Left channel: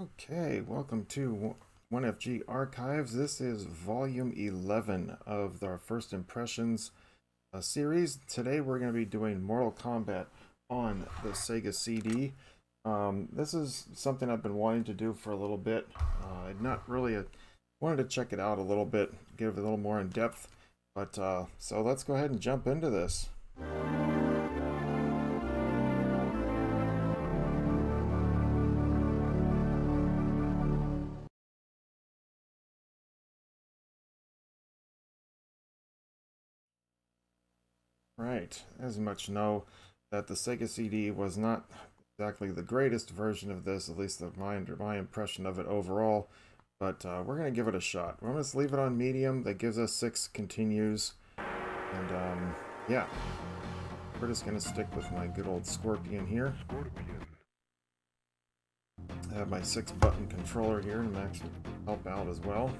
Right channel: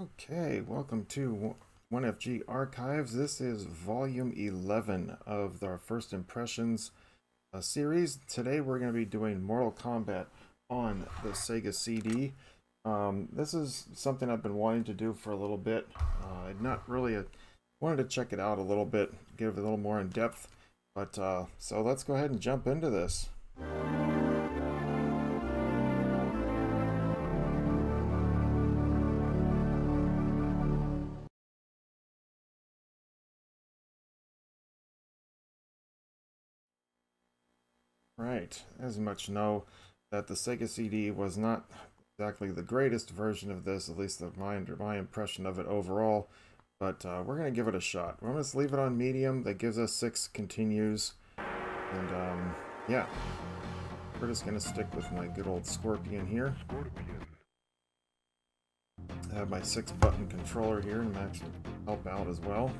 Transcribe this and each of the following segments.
Okay, welcome to 1FG Archives. This is volume 11 of our First Impressions series. Today we're going to be doing Mortal Kombat on the Sega CD. This is something I've been wanting to do for a little bit. Wanted to check it out a little bit, give it a little more in depth. But so let's go ahead and jump into this. Right, as much know that the Sega CD was not exactly the greatest version of this, at least my impression of it overall, but we're going to give it a shot. We're going to leave it on medium. That gives us 6 continues, and yeah, we're just going to stick with my good old Scorpion here. I have my 6-button controller here to actually help out as well.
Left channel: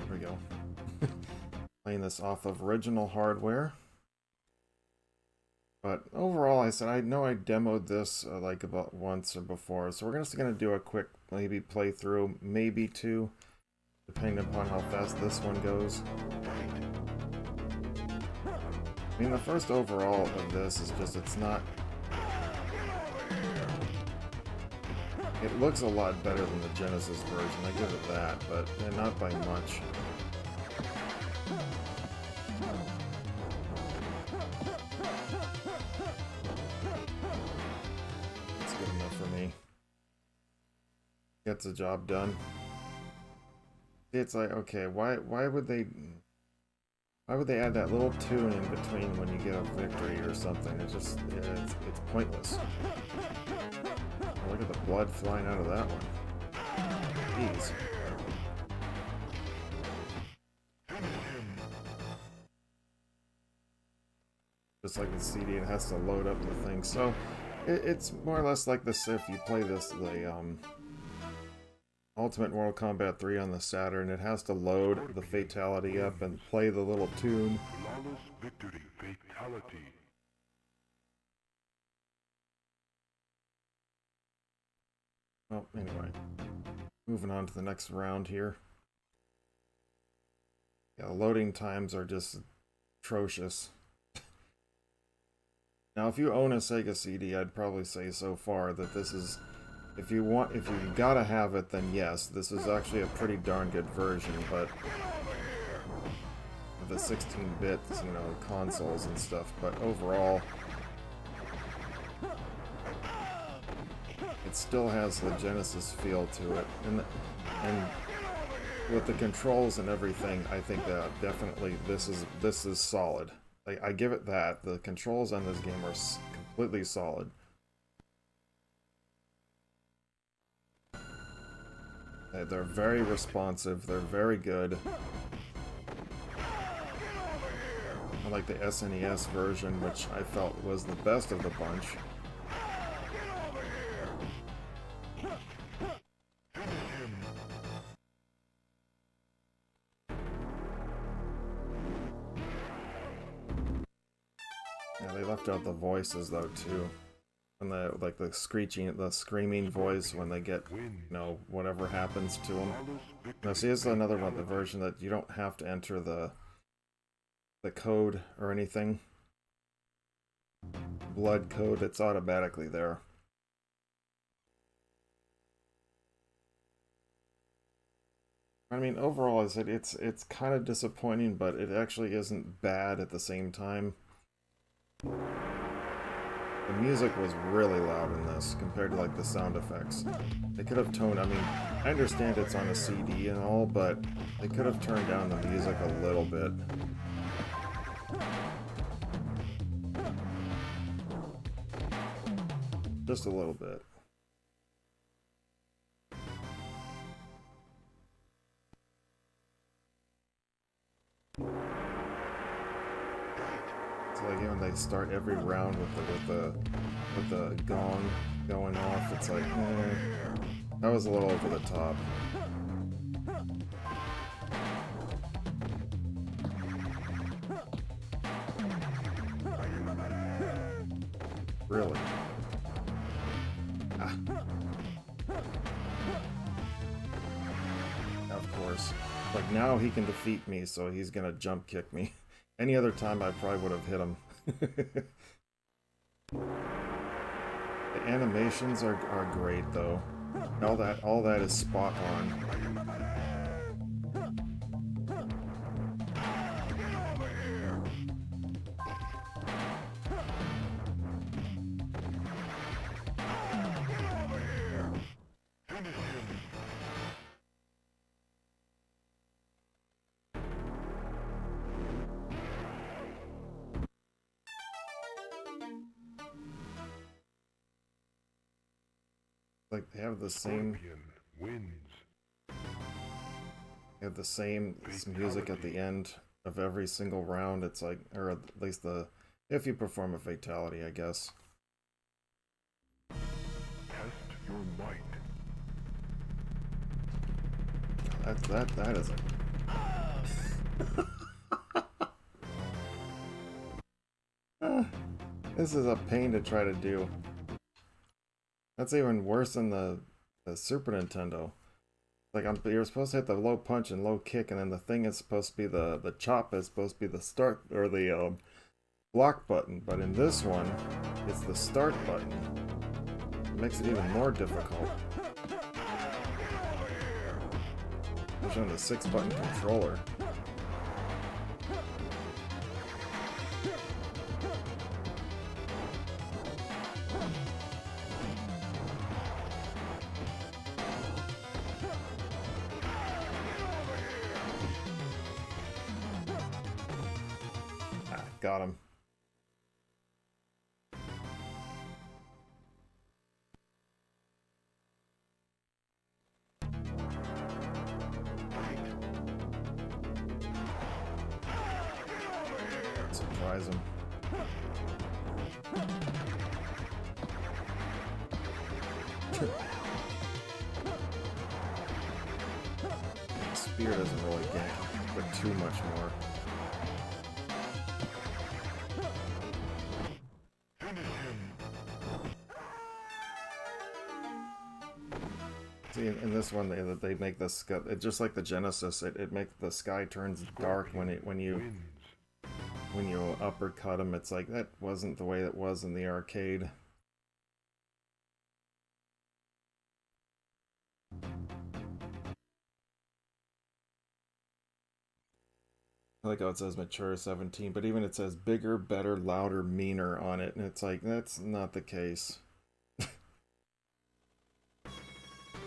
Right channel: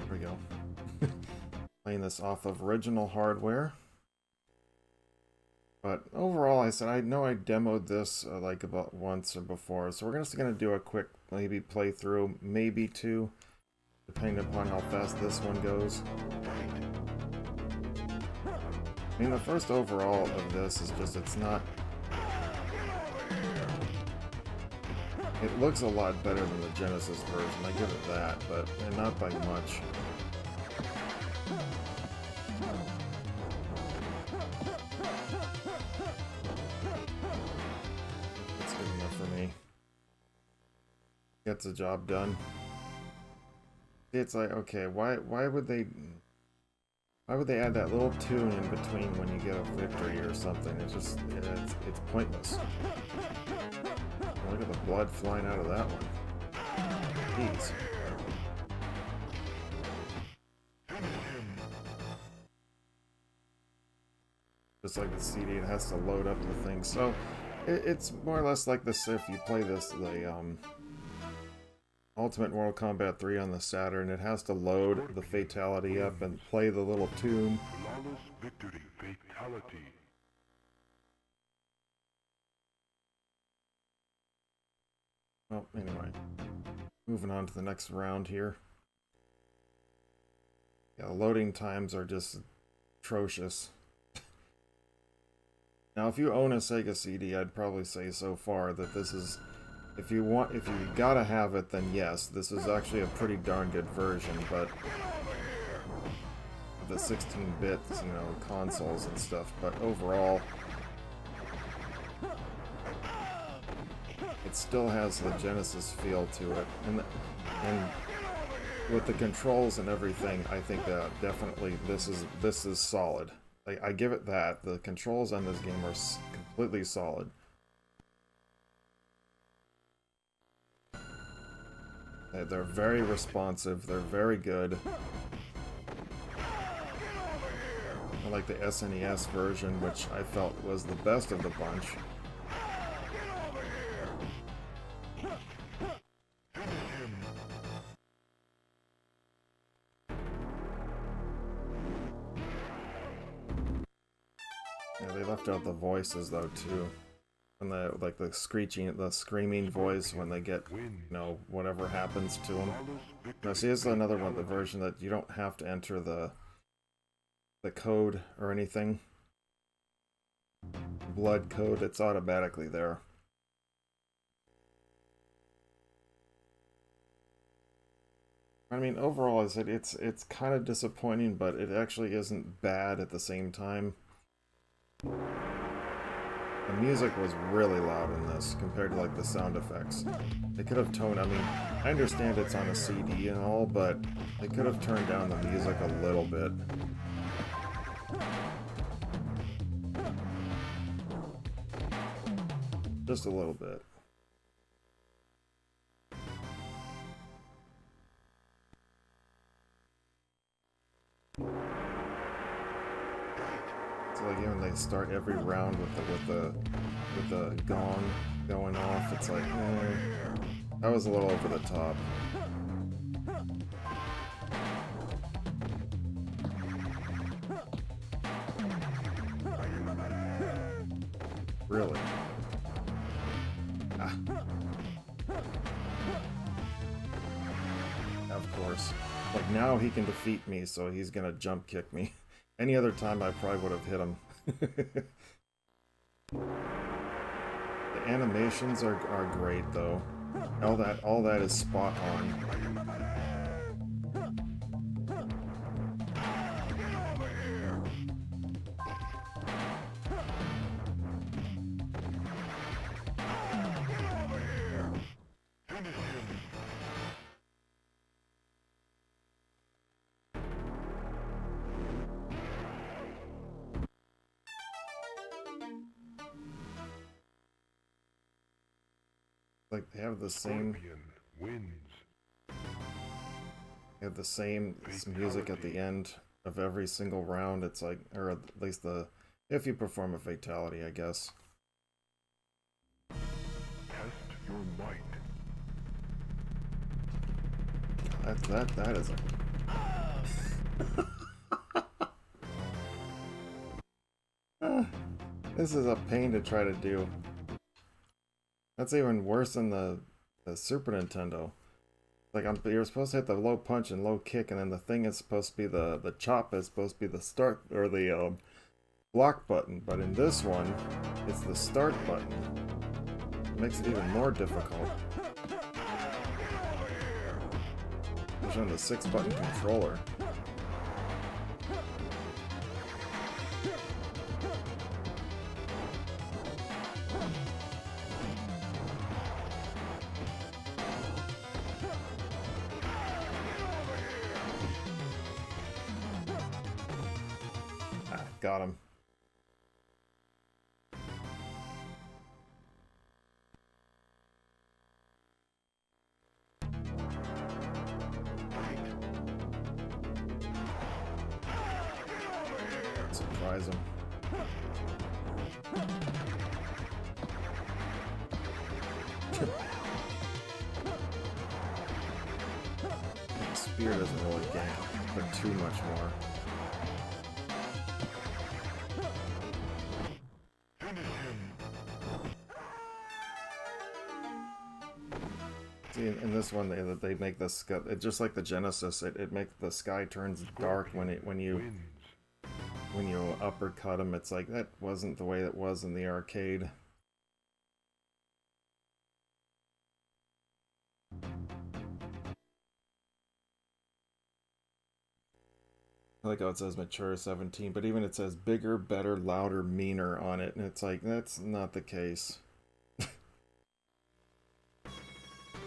There we go. Playing this off of original hardware. But overall, I know I demoed this like about once or before, so we're just going to do a quick maybe playthrough, maybe 2, depending upon how fast this one goes. I mean, the first overall of this is just, it looks a lot better than the Genesis version, I give it that, but not by much. Gets the job done. It's like, okay, why would they add that little tune in between when you get a victory or something? It's just, it's pointless. Oh, look at the blood flying out of that one. Jeez. Just like the CD, it has to load up the thing. So it's more or less like this. If you play this, Ultimate Mortal Kombat 3 on the Saturn, it has to load the fatality up and play the little tune. Flawless victory, fatality. Well, anyway, moving on to the next round here. Yeah, loading times are just atrocious. Now, if you own a Sega CD, I'd probably say so far that this is, if you gotta have it, then yes, this is actually a pretty darn good version, but the 16-bit, consoles and stuff, but overall, it still has the Genesis feel to it, and with the controls and everything, I think that definitely this is solid. I give it that. The controls on this game are completely solid. They're very responsive, they're very good. Unlike the SNES version, which I felt was the best of the bunch. Yeah, they left out the voices though too. And the screaming voice when they get, whatever happens to them. Now see, this is another one, the version that you don't have to enter the code or anything. Blood code, it's automatically there. I mean, overall, it's kind of disappointing, but it actually isn't bad at the same time. The music was really loud in this, compared to, the sound effects. They could have toned, I mean, I understand it's on a CD and all, but they could have turned down the music a little bit. Just a little bit. It's like when they start every round with the gong going off, it's like, that was a little over the top. Really? Ah. worse. Like now he can defeat me, so he's gonna jump kick me. Any other time I probably would have hit him. The animations are great though. All that is spot on. Like they have the same music at the end of every single round. It's like, or at least if you perform a fatality, I guess. Test your might. That is a this is a pain to try to do. That's even worse than the Super Nintendo. Like you're supposed to hit the low punch and low kick, and then the thing is supposed to be the chop is supposed to be the start or the block button. But in this one, it's the start button. It makes it even more difficult. Especially on the 6-button controller. Got him. Surprise him. Spear doesn't really gank, but too much more. See, in this one, they make the sky, just like the Genesis, it makes the sky turns dark when you uppercut him. It's like that wasn't the way it was in the arcade. I like how it says mature 17, but even it says bigger, better, louder, meaner on it, and it's like that's not the case.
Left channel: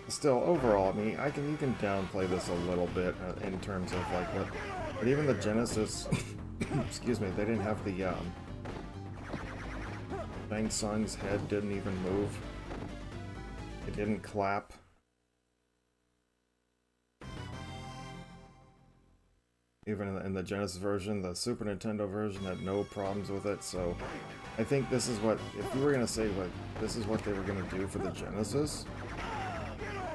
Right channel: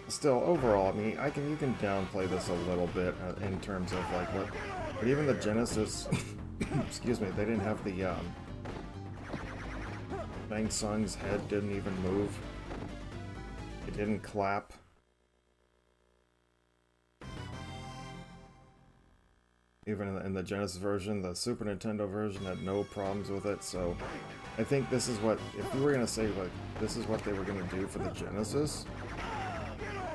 Still, overall, I mean, you can downplay this a little bit in terms of like what, but even the Genesis, excuse me, they didn't have the Shang Tsung's head didn't even move. It didn't clap. Even in the Genesis version, the Super Nintendo version had no problems with it. So, I think this is what, if you were gonna say like this is what they were gonna do for the Genesis.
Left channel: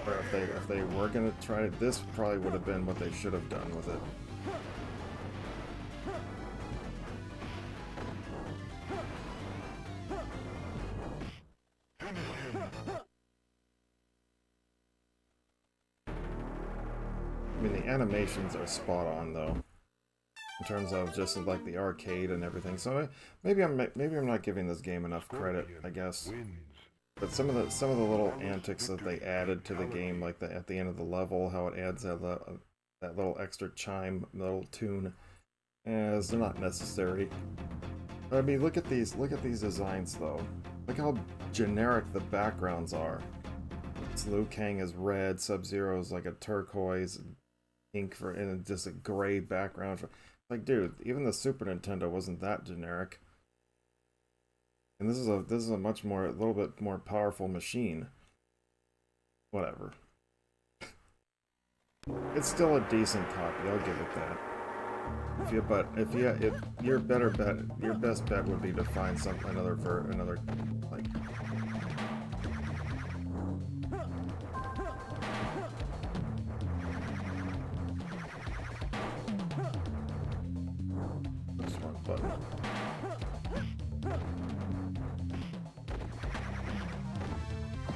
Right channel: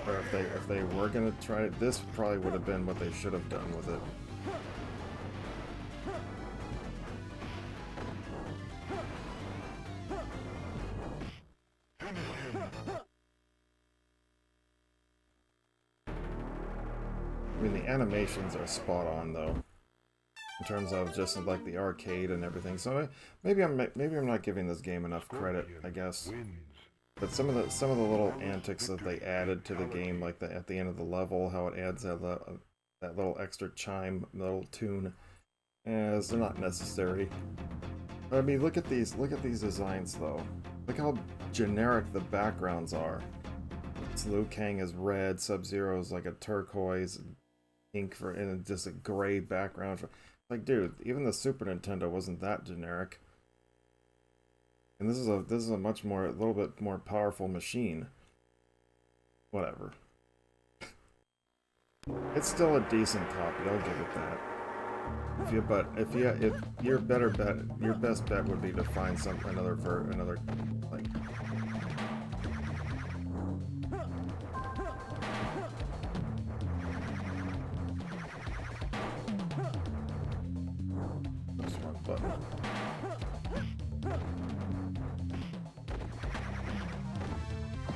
Or if they were gonna try it, this probably would have been what they should have done with it. I mean, the animations are spot on though, in terms of just like the arcade and everything. So maybe I'm not giving this game enough credit, I guess. But some of the little antics that they added to the game, like at the end of the level, how it adds that little extra chime, little tune, they're not necessary. But I mean, look at these designs though. Look how generic the backgrounds are. It's Liu Kang is red, Sub-Zero is like a turquoise, ink and just a gray background. Like, dude, even the Super Nintendo wasn't that generic. And this is a a little bit more powerful machine. Whatever. It's still a decent copy, I'll give it that. If your best bet would be to find another like. Just one button.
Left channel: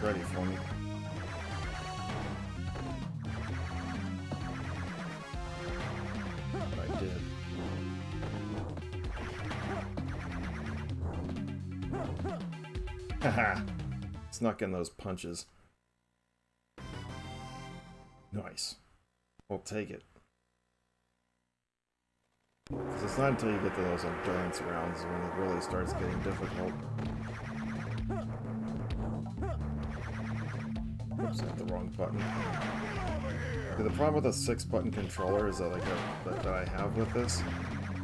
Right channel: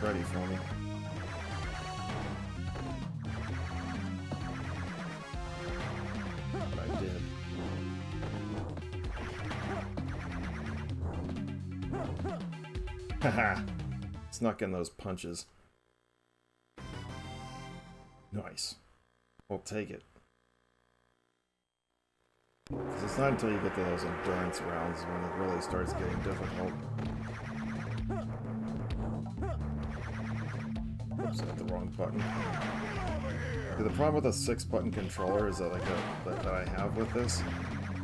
Ready for me. Haha! Snuck in those punches. Nice. We'll take it. Because it's not until you get to those endurance rounds when it really starts getting difficult. Oops, I hit the wrong button. Okay, the problem with a 6-button controller is that, that I have with this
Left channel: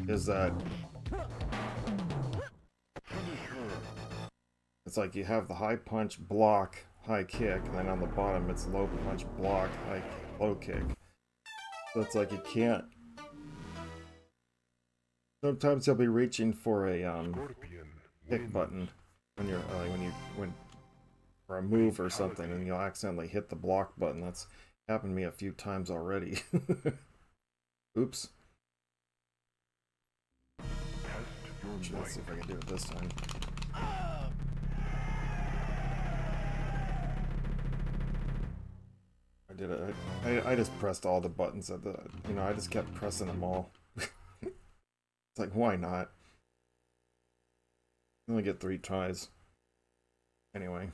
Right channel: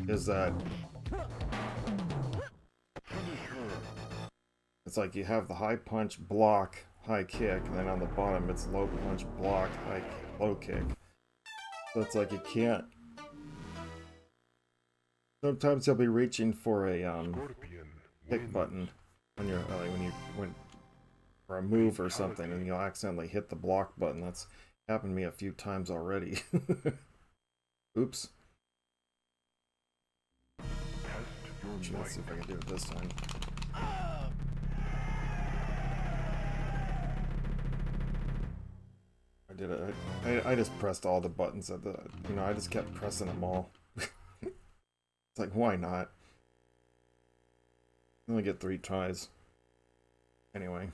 is that it's like you have the high punch, block, high kick, and then on the bottom it's low punch, block, low kick. So it's like you can't. Sometimes you'll be reaching for a kick button when you're for a move or something, and you'll accidentally hit the block button. That's happened to me a few times already. Oops. Let's see if I can do it this time. I did it. I just pressed all the buttons at the. I just kept pressing them all. It's like, why not? I only get 3 tries. Anyway.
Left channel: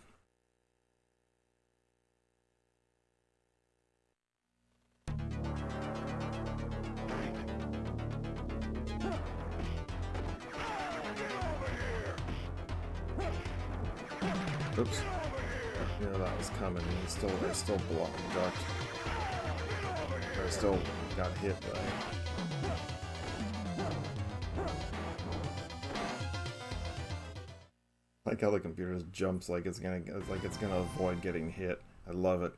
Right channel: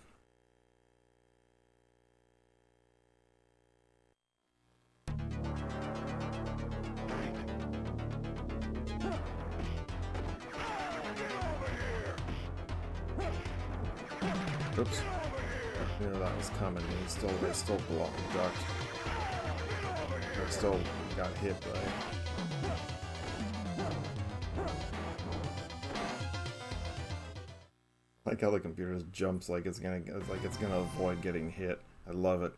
Oops. Yeah, that was coming. I still blocked, ducked. I still got hit by it. I like how the computer just jumps like it's gonna avoid getting hit. I love it.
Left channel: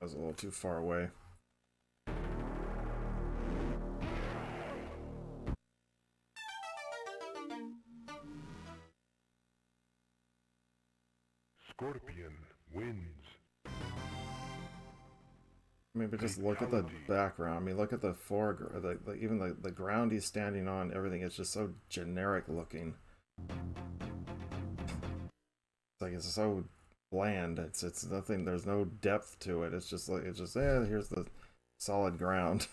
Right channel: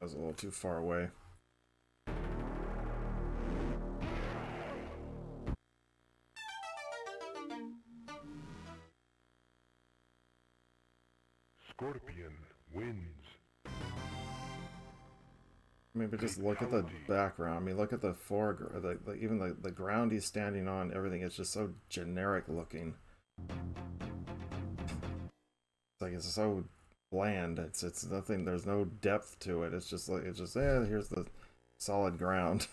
I was a little too far away. Scorpion wins. Maybe just look at the background. I mean, look at the foreground. Even the ground he's standing on. Everything is just so generic looking. It's like it's so bland. It's nothing. There's no depth to it. It's just here's the solid ground.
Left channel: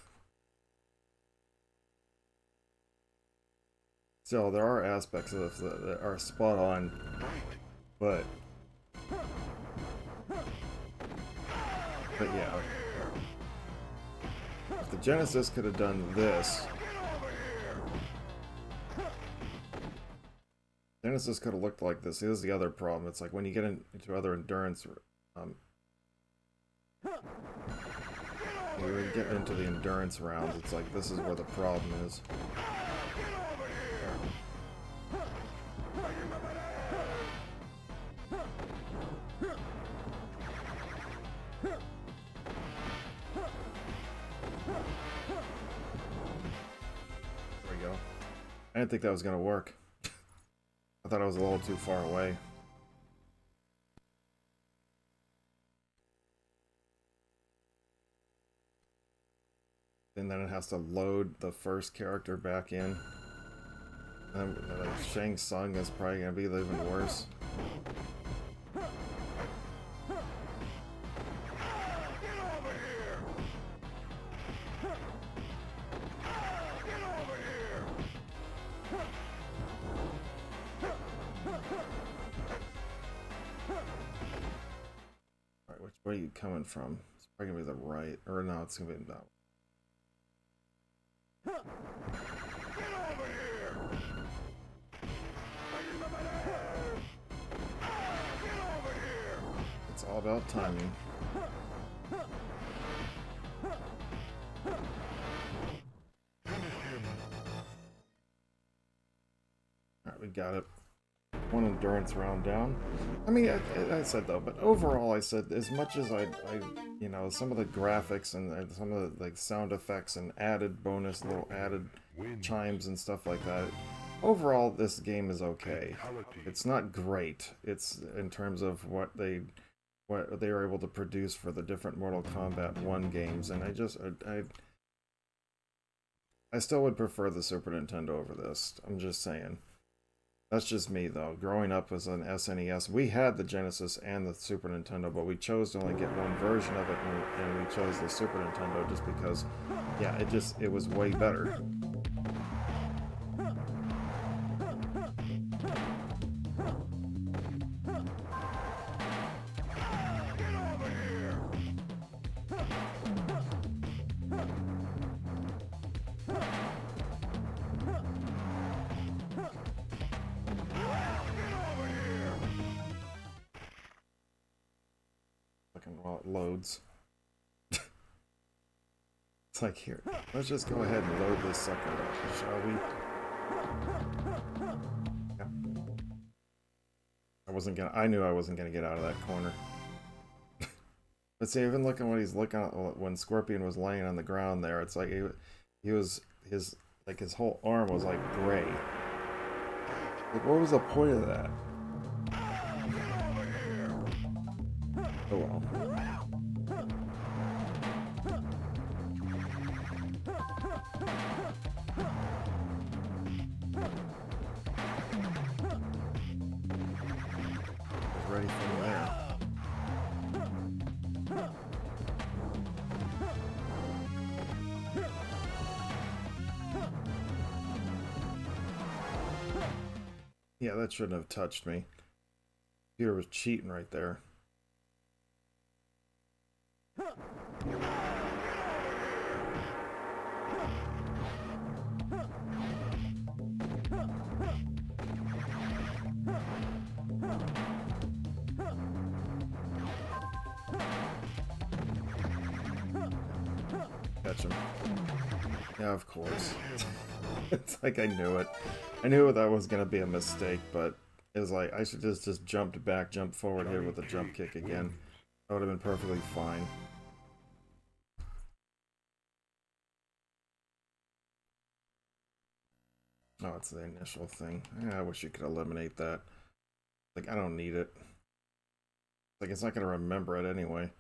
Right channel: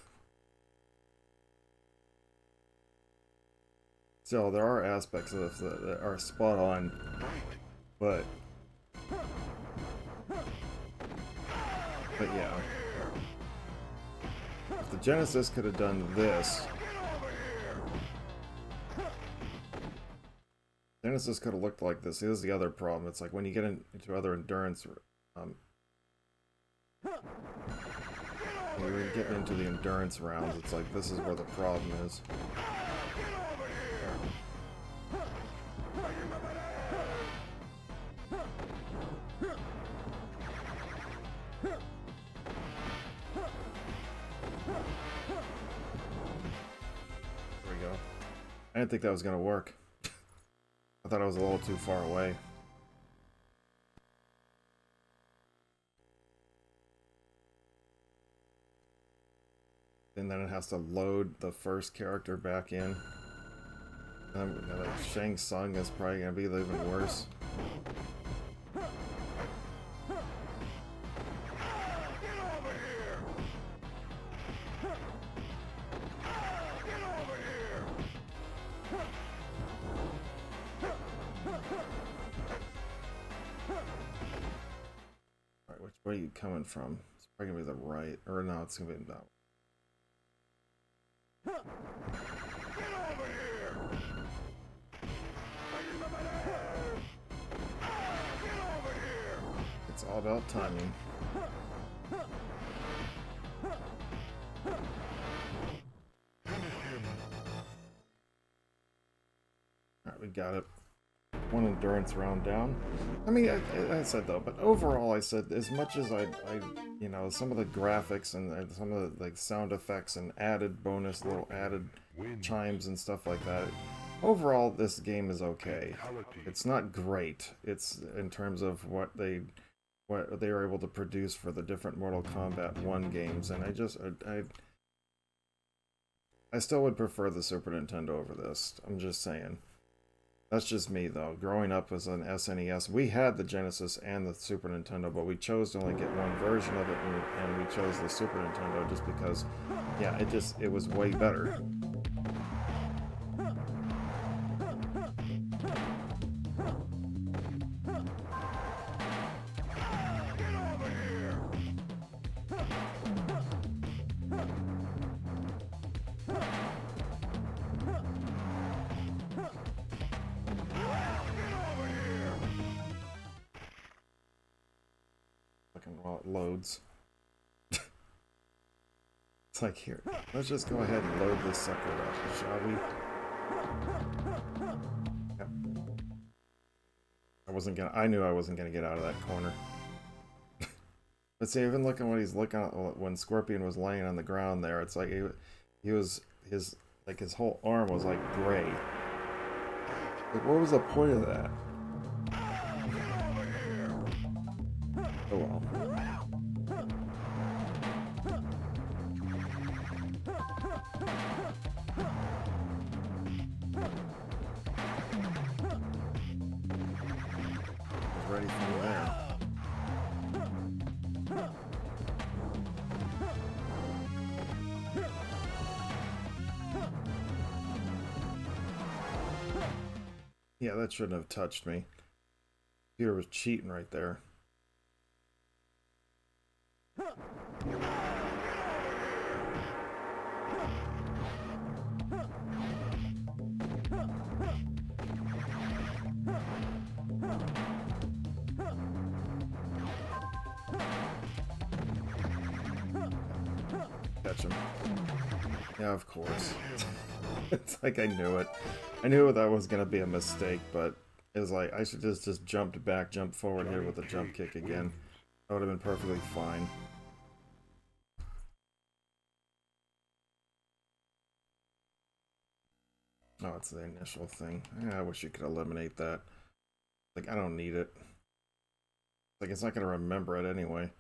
Still, there are aspects of this that are spot on, but yeah, if the Genesis could have done this, Genesis could have looked like this. Here's the other problem. It's like when you get into other endurance, when you get into the endurance rounds, it's like this is where the problem is. There we go. I didn't think that was going to work. I thought I was a little too far away. And then it has to load the first character back in. And Shang Tsung is probably going to be even worse. Alright, which way are you coming from? It's probably going to be the right. Or no, it's going to be that way. It's all about timing. Alright, we got it. One endurance round down. I mean, I said though, but overall I said as much as I you know, some of the graphics and some of the like sound effects and added bonus little added chimes and stuff like that. Overall, this game is okay. It's not great. It's in terms of what what they were able to produce for the different Mortal Kombat 1 games, and I still would prefer the Super Nintendo over this. I'm just saying. That's just me, though. Growing up as an SNES, we had the Genesis and the Super Nintendo, but we chose to only get one version of it, and we chose the Super Nintendo just because, yeah, it was way better. While it loads. It's like, here, let's just go ahead and load this sucker up, shall we? Yeah. I knew I wasn't gonna get out of that corner. But see, even looking what he's looking at when Scorpion was laying on the ground there, it's like his whole arm was like gray. Like, what was the point of that? Oh well. Ready from there. Yeah, that shouldn't have touched me. Computer was cheating right there. Catch him. Yeah, of course. It's like I knew it. I knew that was going to be a mistake, but it was like I should just jumped forward here with a jump kick again. That would have been perfectly fine. Oh, it's the initial thing. Yeah, I wish you could eliminate that. Like, I don't need it. Like, it's not going to remember it anyway.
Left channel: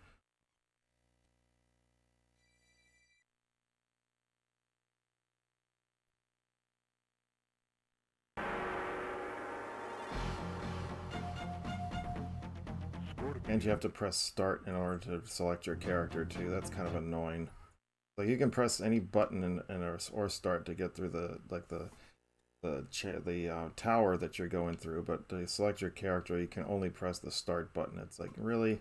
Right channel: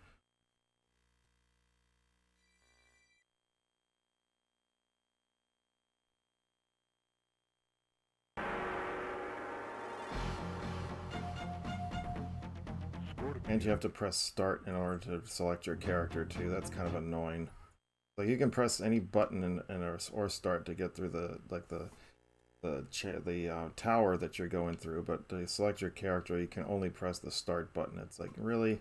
And you have to press start in order to select your character too. That's kind of annoying. Like, you can press any button or start to get through the tower that you're going through, but to select your character, you can only press the start button. It's like, really?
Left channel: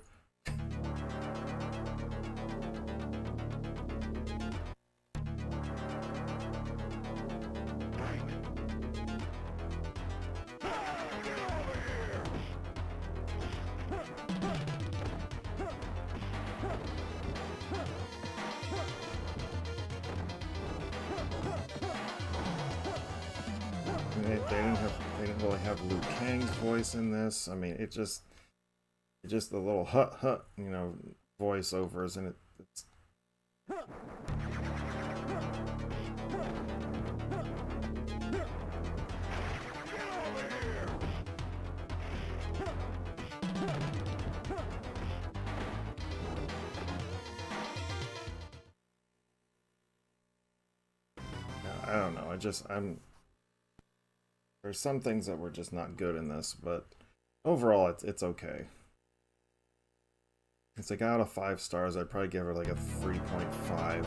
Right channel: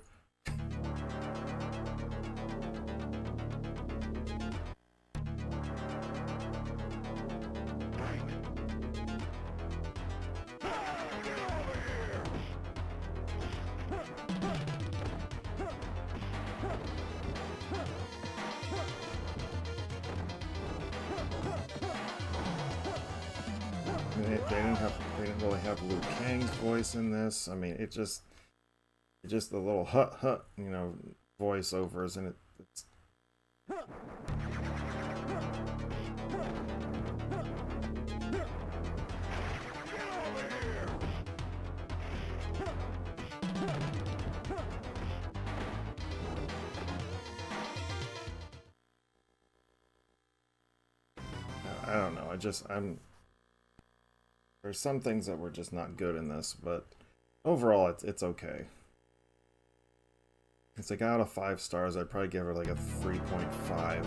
They didn't really have Liu Kang's voice in this. I mean, it's just the little hut, you know, voiceovers, and it's I don't know. There's some things that were just not good in this, but overall, it's okay. It's like out of 5 stars, I'd probably give her like a 3.5.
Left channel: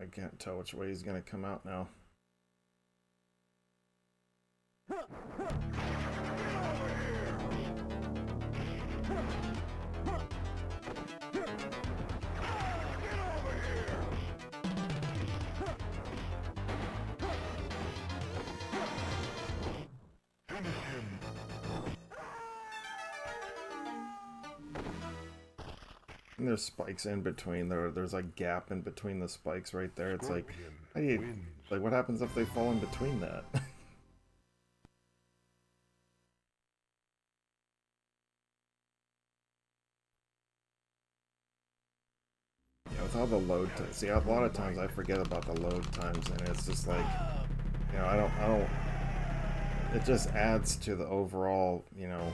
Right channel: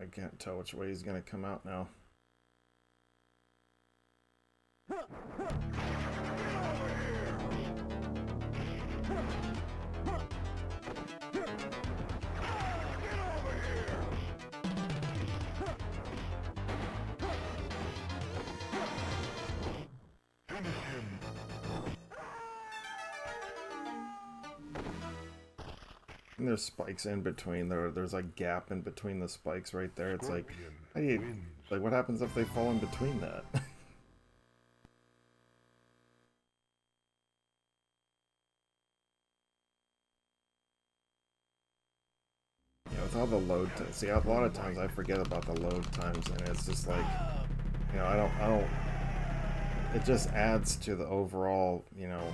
I can't tell which way he's gonna come out now. And there's spikes in between. There's like gap in between the spikes right there. It's like, how do you, like, what happens if they fall in between that? with all the load times, see, a lot of times I forget about the load times, and it's just like, you know, I don't, it just adds to the overall, you know,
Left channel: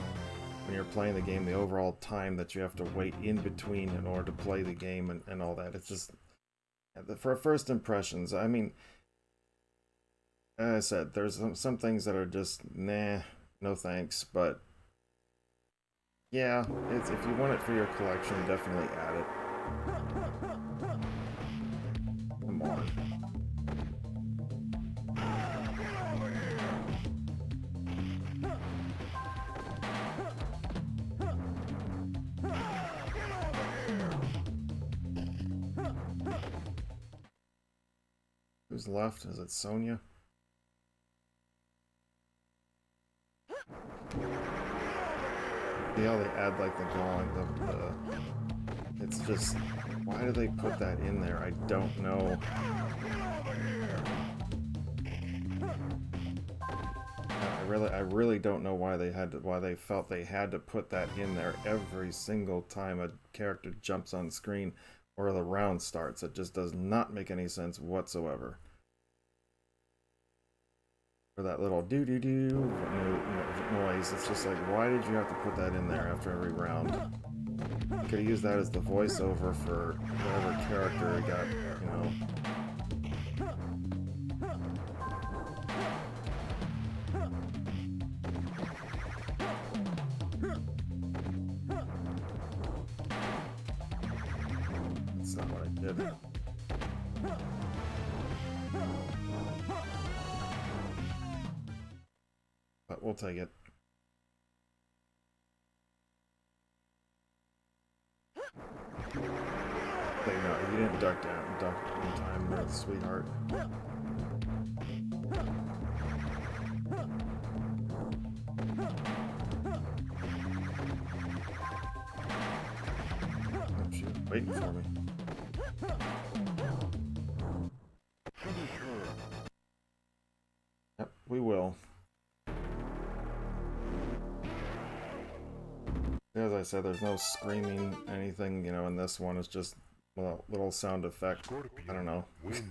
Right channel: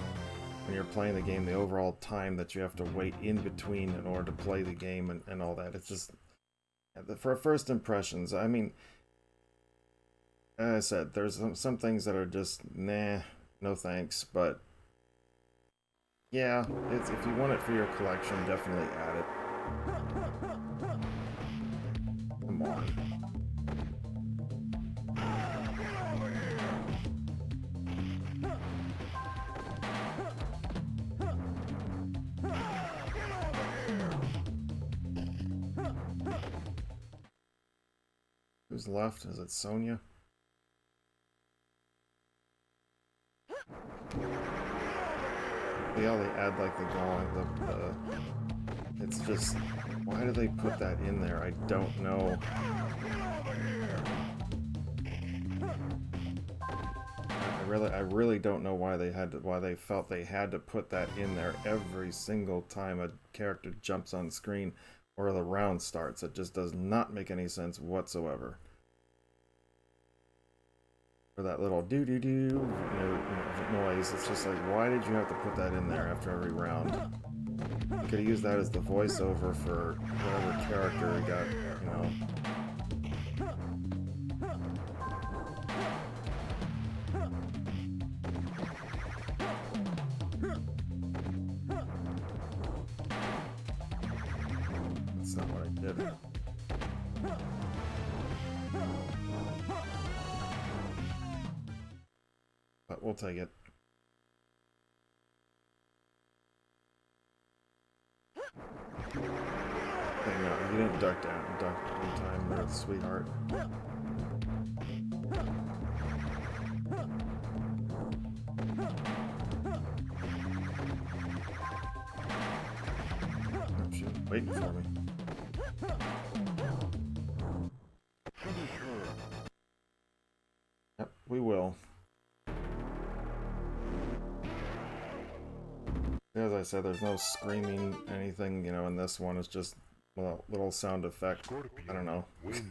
when you're playing the game, the overall time that you have to wait in between in order to play the game and all that. It's just, for first impressions, I mean, as I said, there's some things that are just, nah, no thanks, but yeah, it's, if you want it for your collection, definitely add it. Come on. Who's left? Is it Sonya? See how they add like the drawing, it's just, why do they put that in there? I don't know. I really don't know why they felt they had to put that in there every single time a character jumps on screen or the round starts. It just does not make any sense whatsoever. For that little doo-doo-doo noise, it's just like, why did you have to put that in there after every round? You could have used that as the voiceover for whatever character got, you know. That's not what I did. But we'll take it. No, you didn't duck in time, sweetheart. Oh, shoot, waiting for me. Yep, we will. As I said, there's no screaming, anything, you know, in this one. It's just a little sound effect. Scorpion I don't know. Wins.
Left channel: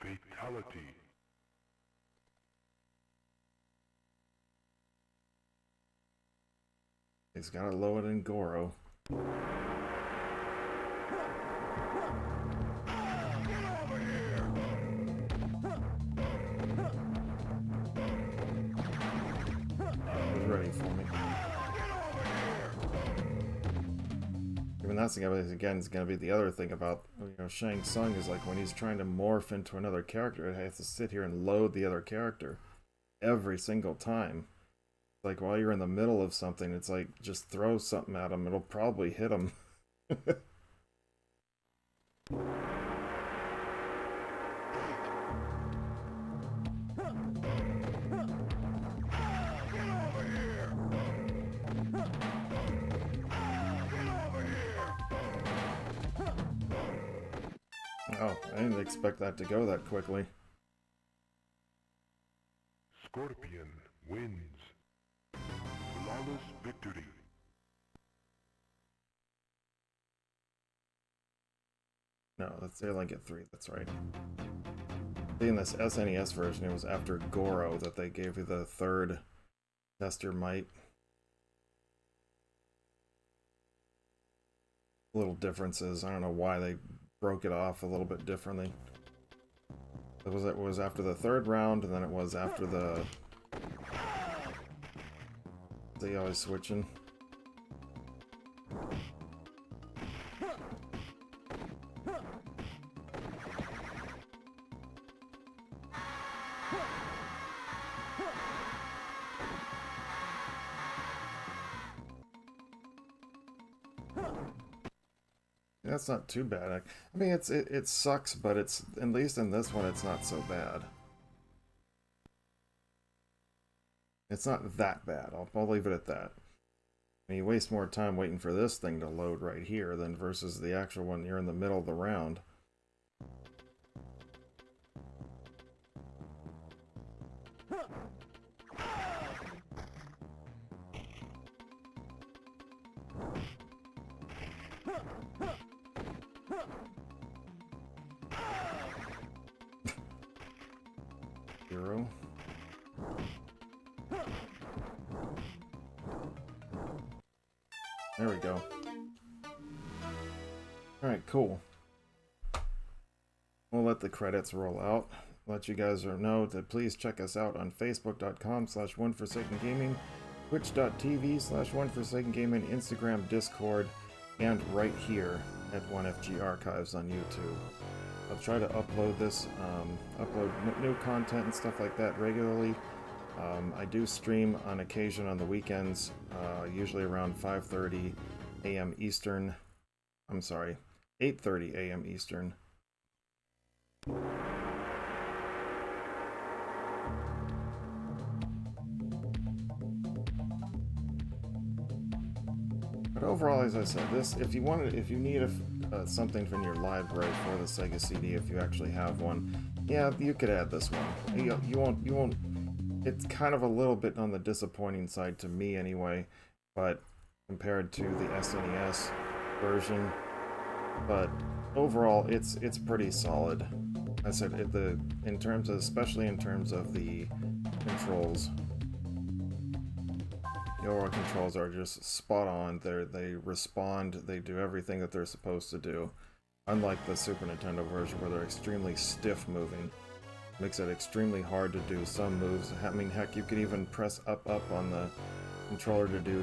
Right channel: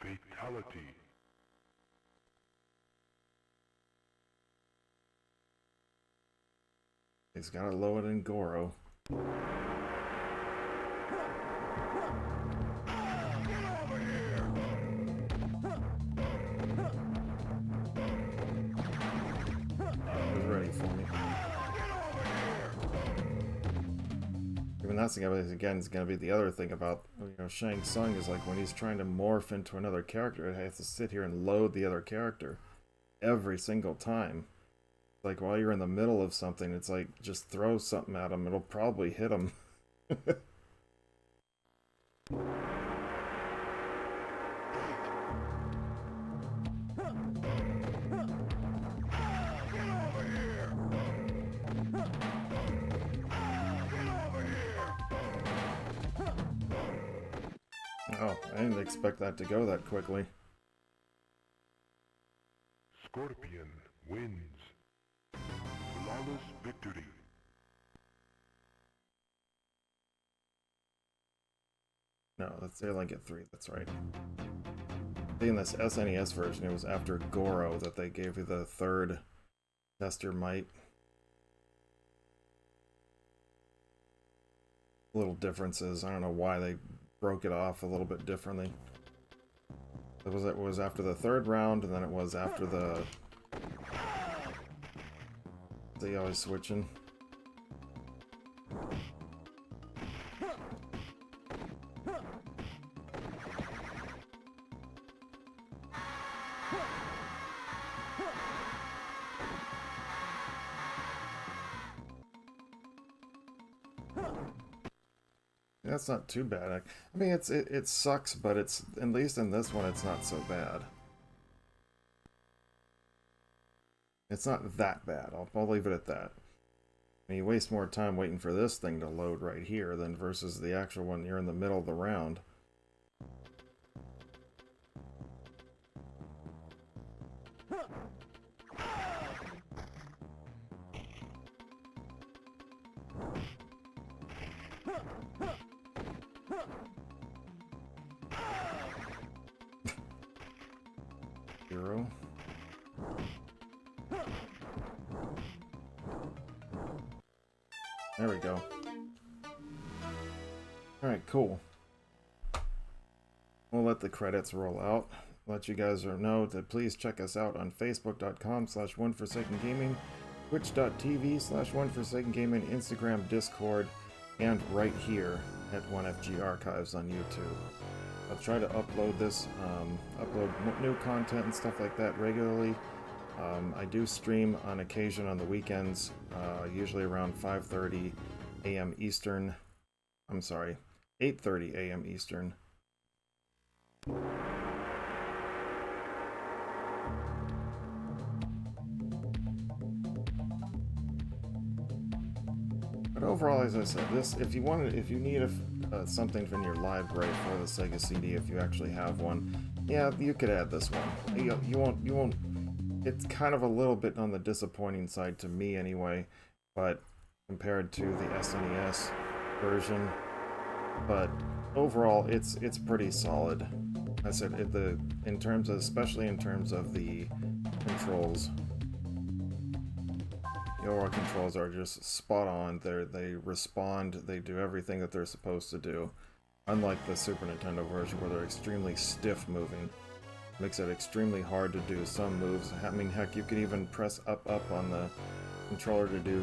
Fatality. He's got to lower it in Goro. Ready for me. Even that's the again is going to be the other thing about, you know, Shang Tsung, is like when he's trying to morph into another character, he has to sit here and load the other character every single time. Like while you're in the middle of something, it's like just throw something at him, it'll probably hit him. Oh, I didn't expect that to go that quickly. Scorpion wins. Flawless victory. No, they only get 3, that's right. In this SNES version, it was after Goro that they gave you the 3rd Test Your Might. Little differences. I don't know why they broke it off a little bit differently. It was after the 3rd round, and then it was after the... They always switching. That's not too bad. I mean, it sucks, but it's, at least in this one, it's not so bad. It's not that bad. I'll leave it at that. I mean, you waste more time waiting for this thing to load right here than versus the actual one you're in the middle of the round. 0. There we go. Alright, cool. We'll let the credits roll out. Let you guys know to please check us out on facebook.com/OneForsakenGaming, twitch.tv/OneForsakenGaming, Instagram, Discord, and right here at 1FG Archives on YouTube. I'll try to upload this, upload new content and stuff like that regularly. I do stream on occasion on the weekends, usually around 5:30 a.m. Eastern. I'm sorry, 8:30 a.m. Eastern. But overall, as I said, this if you need something from your library for the Sega CD, if you actually have one, yeah, you could add this one. You won't. It's kind of a little bit on the disappointing side to me, anyway. But compared to the SNES version, but overall, it's pretty solid. I said especially in terms of the controls. The overall controls are just spot on. They respond. They do everything that they're supposed to do. Unlike the Super Nintendo version, where they're extremely stiff moving, makes it extremely hard to do some moves. I mean, heck, you could even press up on the controller to do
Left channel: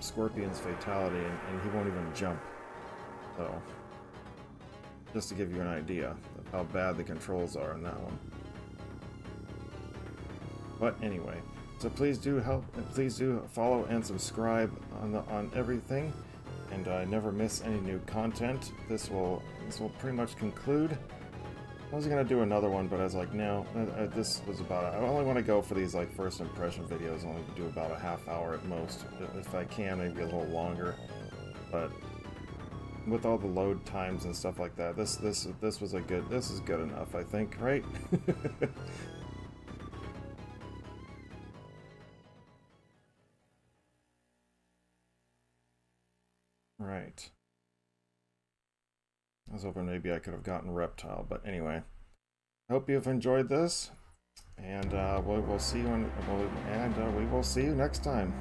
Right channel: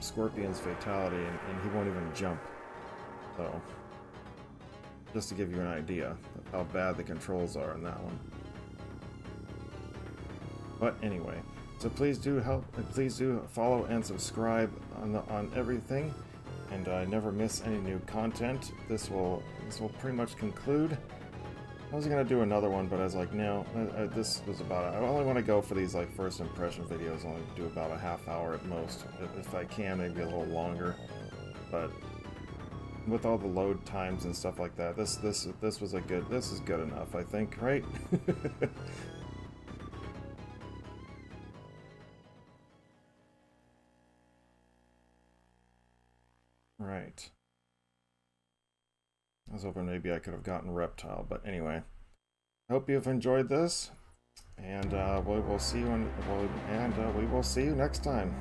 Scorpion's Fatality, and he won't even jump. So, just to give you an idea of how bad the controls are in that one. But anyway, so please do follow and subscribe on everything, and never miss any new content. This will pretty much conclude. I was gonna do another one, but I was like, no, this was about. I only want to go for these like first impression videos. I only do about a half hour at most, if I can, maybe a little longer. But with all the load times and stuff like that, this is good enough, I think, right? Right. I was hoping maybe I could have gotten Reptile, but anyway. Hope you've enjoyed this, and we will see you next time.